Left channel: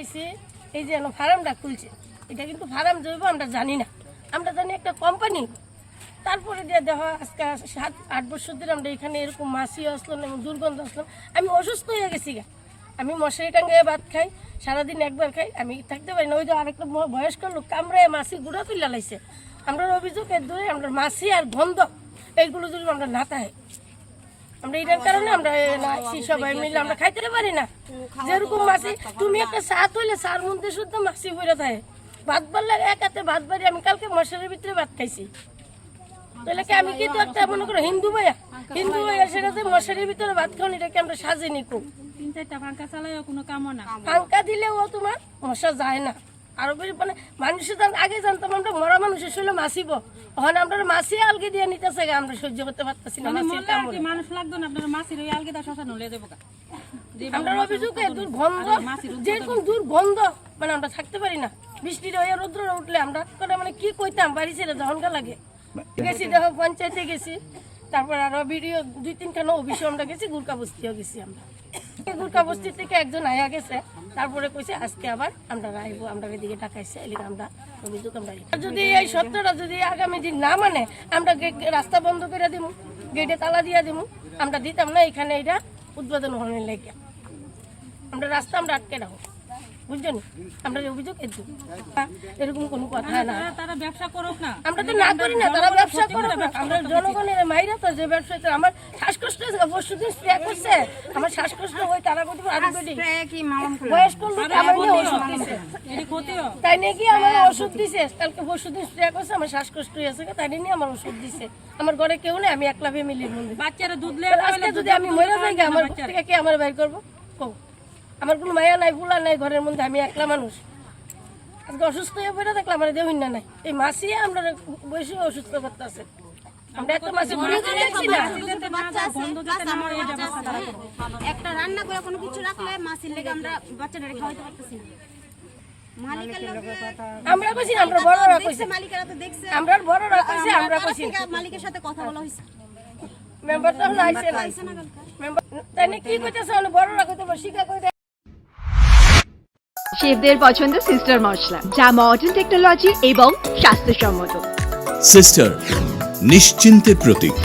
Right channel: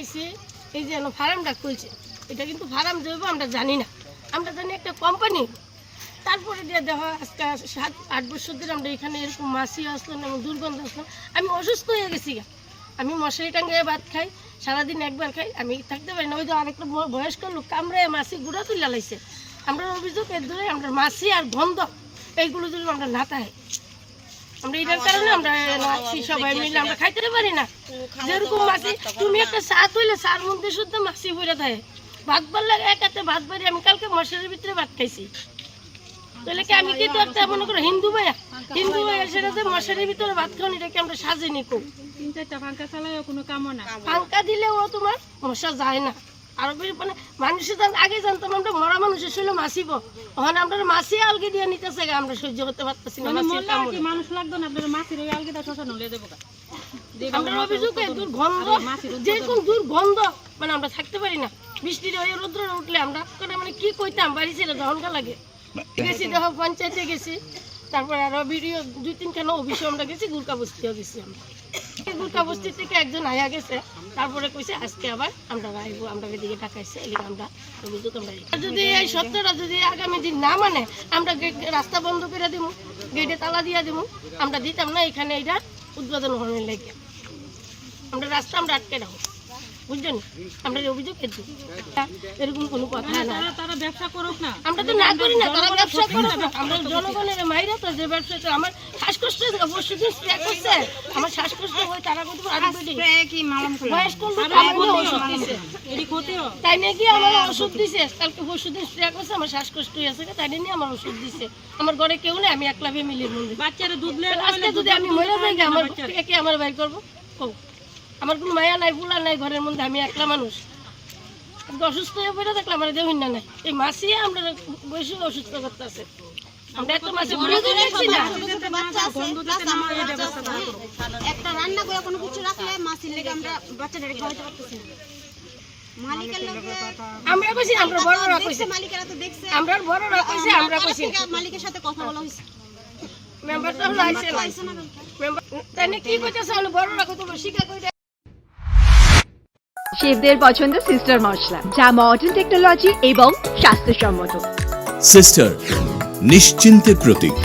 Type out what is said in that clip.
পাইছি এই যে ফার্মটা খুলছে, এটা কিন্তু ফার্ম জৈব আমরা জানি না, আমরা জানি একটা কোম্পানি। তারপরে দিয়ে দেখো আজকে 7-8 বছর ধরে আমরা এখানে এরকম মাছি আসলো না, দুর্গন্ধ আসলো, আমি অসুস্থ হয়ে গেছি গা। আমি মশারি টাঙ্গিয়ে ভাত খাই, সারাদিন একবার খাই, আমি থাকতে পারি না। ওই যে আরেকটা বয়স্ক লোক কামড়ায় মাছি গুঁড়া তুলে লাইছে। আমরা অভিযোগ এর ধরে আমরা মাছি আর গন্ধ এইগুলো যদি আমরা না খাই, আমরা এটার কারণে আমরা সবাই মিলে আমরা খাইতে পারি না। যেরকম মাছি, তুমি একটা চা তুইলে চার মধ্যে শুদ্ধ মাছি পড়ে থাকে, ভাত বাড়লে এক হাতে ভাত বাড়ি। আমি কালকে মশারির ভিতরে ভাত খাইছি, তাহলে কি আমি কি করতে মনে করো হিন্দু ভাইয়া সেটা যে মশারির ভিতরে ভাত খাওয়ানি, এটাকে আমরা সাজিনি কো 3-4টা পাঙ্খা চালাইও কোনো কামও না, পাঙ্খা দিলেও তোমার মশা যায় না। আর মানে মানুষের আগে জানতাম আমরা মরা মানুষের শরীরে মাছিব, ওখানে আমরা মাছি আলগে দিয়ে নিতেছে, আমরা সহ্য করতে পারতেছি না। মানুষ লাগতো না, আপনার মাছির ওই আলগিটা শ্মশান হলে দেবো। আমরা অভিযোগ দুর্গন্ধ, যেরকম দুর্গন্ধ মানে আমরা থাকতে পারি না। বৃষ্টির হয়ে রৌদ্র উঠলে আমরা মানে কি কইতাম, বাড়ি ছেড়ে ঝনকা লাগে। গেছি দেখো পঞ্চায়েতে গেছি, তারপর আরো ভিডিও 2-3খানা অফিসে আমরা গেছি, গুলকা বস্তিও গেছি। আমরা গুলকা বস্তি থেকে একজন আয়া গেছে, তারপরে কইছে আজকে আবার আমরা আইবো, আমরা এদিকে টাকাইছে, এদিকে আমরা অভিযোগ আমরা যদি এই সত্যটা যদি আগামী দিন না মানে আমরা রাস্তা বন্ধ করে দিব, গেটে তালা দিয়ে দিব, আমরা দিতাম না এখানে এটা উদ্বোধন হওয়ার লেগে। আমরা রাস্তা আমরা আটকে রাখবো, বুঝছেন? আমরা অভিযোগ এরকম কোনো কথা না, তারা ব্যবসা করুক না, আমরা তো না করি না, তারা ব্যবসা করুক না। আমরা জনগণের মাইরা তো যে ব্যবসাটা, আমার শ্বাসকষ্ট পরশুদিন স্প্রে করছে, আমার শ্বাসকষ্ট হয়, তারা কিন্তু বয়স্ক লোক আমাকে ওষুধ দিছে, তাই নাকি আমার ওষুধ দিছে, কালকে পরশুদিন স্প্রে করছে, আমার শ্বাসকষ্ট হয়েছে, তাই নিয়ে আমার ওষুধ দিছে। আমার ঘরে কেউ নেই, আমি একলা ফ্যামিলির মধ্যে। বাচ্চারা দুধ আজকে যদি আমি মরে যাই, আমার থেকে কি আমার বাইর করবো? আমার কোনো মায়া নাই, বুলা নাই ঘরের মধ্যে, আমি একলা মানুষ। অসুস্থ হয়ে পড়ে থাকলে আমার দেহ না নাই, এই মাছি আমরা বেশি অসুস্থ করতেছে। আমরা একটা মাছি একটা রান্না করে কোনো কিছু রাখলে মাছির লেগে আমরা বাচ্চাদের খাওয়াতে পারতেছি না। আমরা কইছি, আমরা বড়রা কইছি, মালিকেরা তো দেখছে, আমরা বড়রা কইছি, আমরা কইছি মালিকের সাথে কথা বলা হয়েছে, মেম্বার তো আইছে না, মেম্বার তাই কি কইতাছে, আমরা বড়রা কইতো শিকা কই। শেফদের পছন্দ সিস্টার মশলা, যা মডার্ন টেকনোলজি এবং স্বাস্থ্যসম্মত। সিস্টার নিশ্চিন্তের প্রতীক।